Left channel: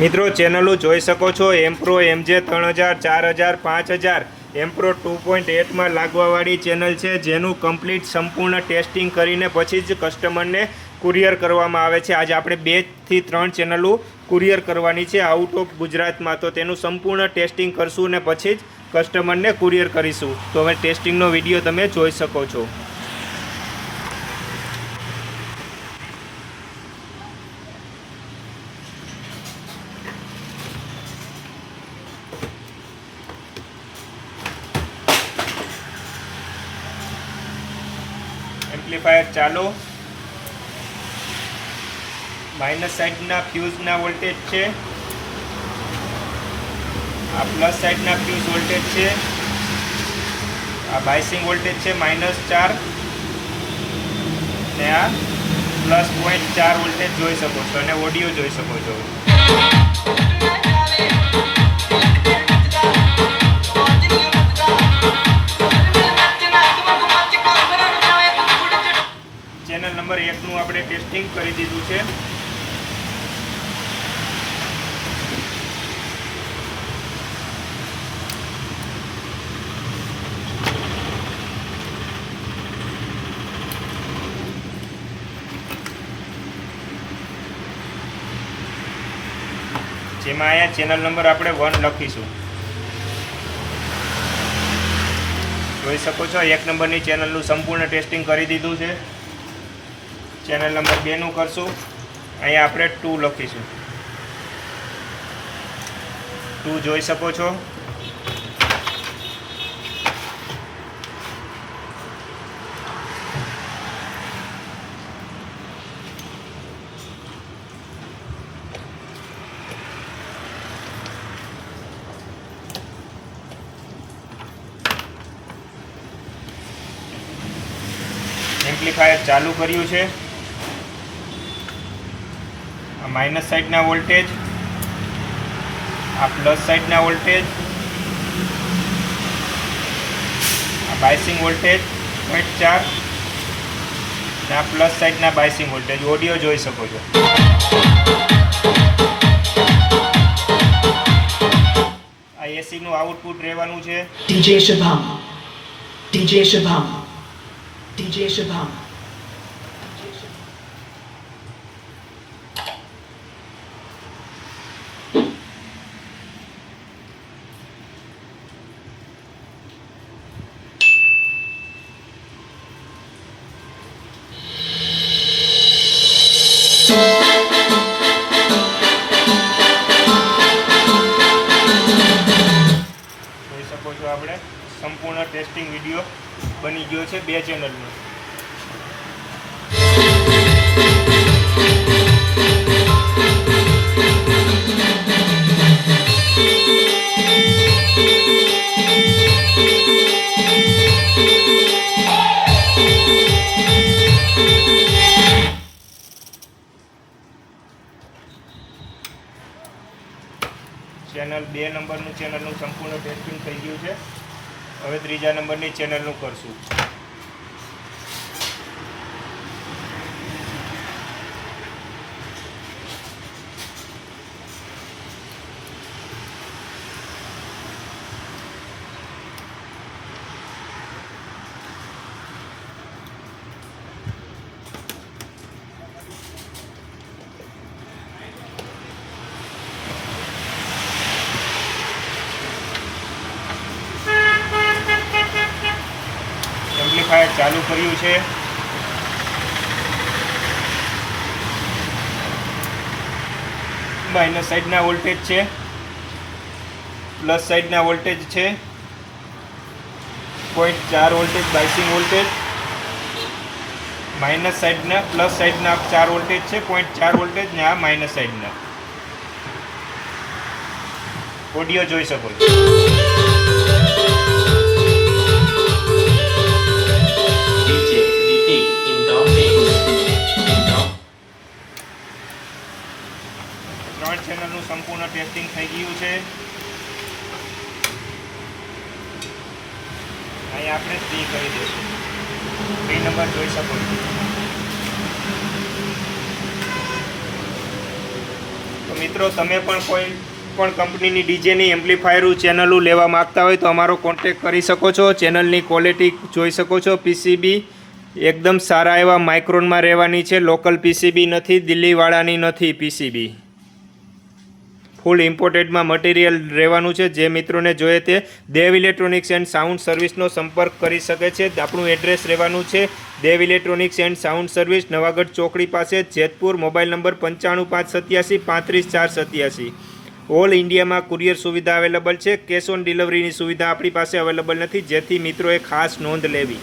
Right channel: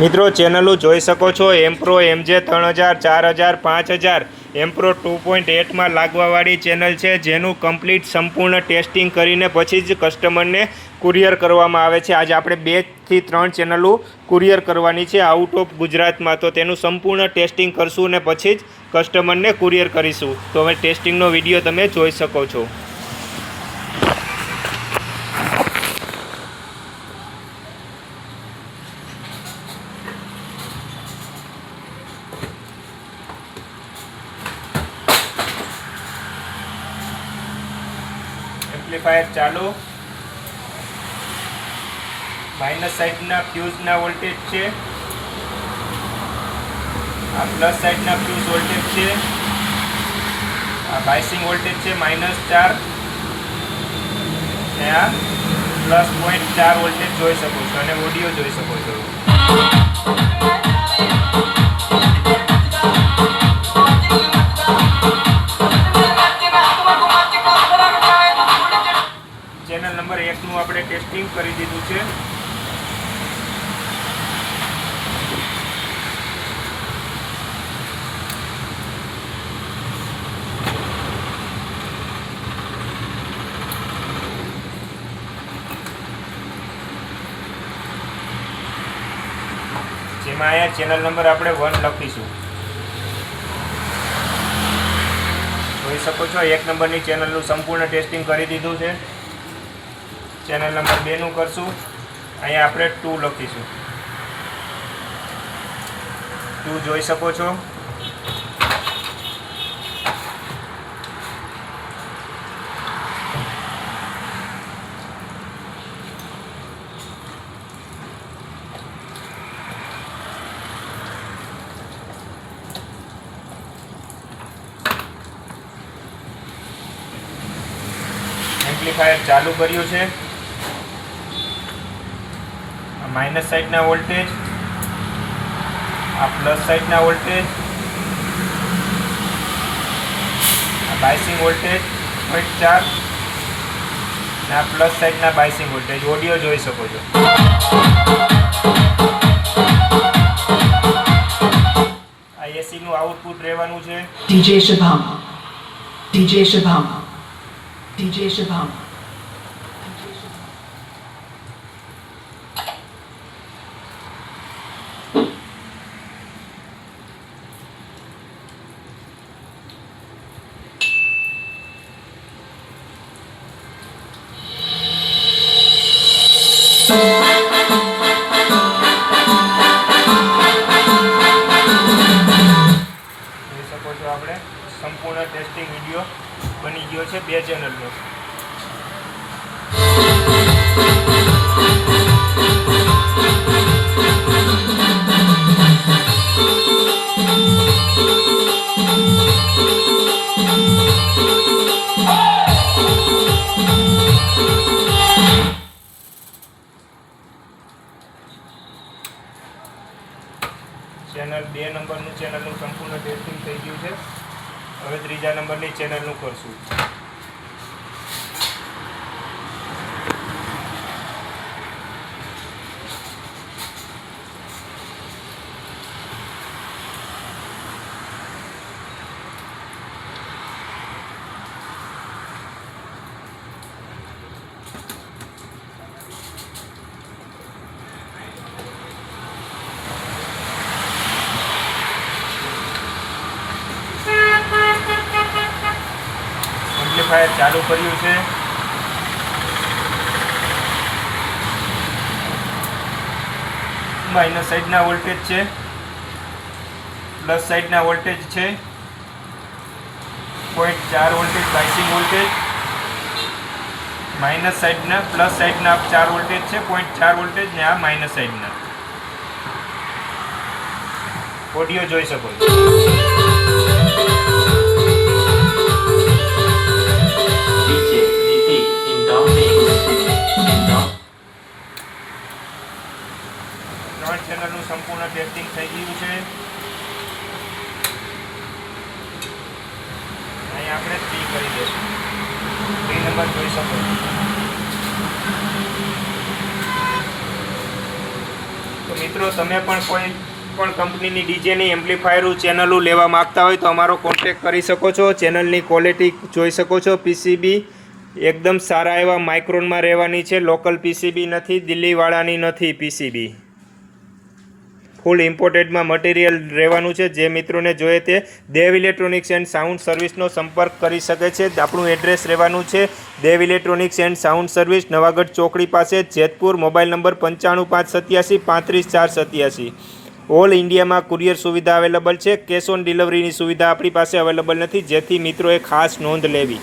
મિત્રો ચેનલો જોઈ શકો છો એમ્પ્રો MJ 3000 4000 5000 એમ્પ્રો 2.8 લાગવાવાળી ચેનલ છે, જેનું કમ્પ્લીટ સંપૂર્ણ ટેસ્ટિંગ કરીને પછી જ કસ્ટમરને કુરિયર કરવામાં આવે છે. આજે આપણે 2 થી 3 ચેનલો કુરિયર કરવાની છે આઉટ ઓફ ગુજરાતમાં, તો તેનું સંપૂર્ણ ટેસ્ટિંગ કરશું ને પછી જ કસ્ટમરને કુરિયર કરીશું. તો હવે ટેસ્ટિંગનો વિડીયો તમે જોઈ શકો છો. એમ્પ્લીફાયર ચાલુ. માઇનસ સાઈડના ફ્યુઝના વોલ્ટેજ છે, આ પ્લસ સાઈડના ફ્યુઝ વોલ્ટેજ છે, આ બાયસિંગ વોલ્ટેજ છે -4 ને આ +0.4 વોલ્ટેજ જોઈ શકો છો અને ઓડિયો જોઈ શકો છો. ચેનલ નંબર 1 નું આપણે ટેસ્ટિંગ કરી દીધું છે. જેમાં અહીંયા ચેનલ નંબર આપણે 1 લખીશું. જોઈ શકો છો 1 નંબરની ચેનલનું સંપૂર્ણ ટેસ્ટિંગ કરી દીધું છે. ચેનલ નંબર 2 નું કરશું. અહીંયા આપણે 2 લખીશું. 2 જોઈ શકો છો. એમ્પ્લીફાયર ચાલુ કર્યું છે. માઇનસ સાઈડના વોલ્ટેજ, આ પ્લસ સાઈડના વોલ્ટેજ, આ બાયસિંગ વોલ્ટેજ 0.4 અને આ પ્લસ સાઈડના બાયસિંગ વોલ્ટેજ. ઓડિયો જોઈ શકો છો. આ એસી નું આઉટપુટ રહેવાનું છે. DJ Shubham, DJ Shubham, DJ Shubham. આપણે સંપૂર્ણ ટેસ્ટિંગ વિડીયો બની ગયો છે 2 ચેનલનો. ચેનલ 2 નંબરનું ચેનલનું સંપૂર્ણ ટેસ્ટિંગ થઈ ગયું છે. હવે 3જા નંબરની ચેનલનું કરશું. એમ્પ્લીફાયર ચાલુ કર્યું છે. માઇનસ સાઈડના વોલ્ટેજ છે, પ્લસ સાઈડના વોલ્ટેજ છે, 0.4 વોલ્ટેજ બાયસિંગ વોલ્ટેજ, માઇનસ સાઈડના પ્લસ સાઈડના 4 વોલ્ટેજ છે, 0.4 વોલ્ટેજ ને આ માઇનસ સાઈડના. ઓડિયો જોઈ શકો છો. ચેનલનું સંપૂર્ણ ટેસ્ટિંગ થઈ ગયું છે. અહીંયા આપણે 3 કરી દઈશું. 3 નંબર જોઈ શકો છો. તો મિત્રો તમે પણ કોઈ પણ કંપનીની ડીજેની એમ્પ્લીફાયર ચેનલો લેવા માગતા હોય તો અમારો કોન્ટેક કરી શકો છો. ચેનલની ક્વોલિટી જોઈ શકો છો. પીસીબી એકદમ સારા એવા માઇક્રોનમાં રહેવાની છે. લોકલ પીસીબી નથી, દિલ્હીવાળાની નથી પીસીબી. ફૂલ ઇમ્પોર્ટેડમાં મટીરિયલ રહેવાનું છે. જે મિત્રોને જોઈએ તે દેવ ઇલેક્ટ્રોનિક્સ એન્ડ સાઉન્ડ સર્વિસનો સંપર્ક કરી શકે છે. આપણું એડ્રેસ રહેવાનું છે Dev electronics and sound service, Navagadh ચોકડી પાસે, જેતપુર. Mobile number 9557 35487. ઓલ ઇન્ડિયામાં કુરિયર સુવિધા અવેલેબલ છે. કેશ ઓન ડિલિવરીની સુવિધા આપણી પાસે અવેલેબલ નથી, જેથી મિત્રોએ ખાસ નોંધ લેવી.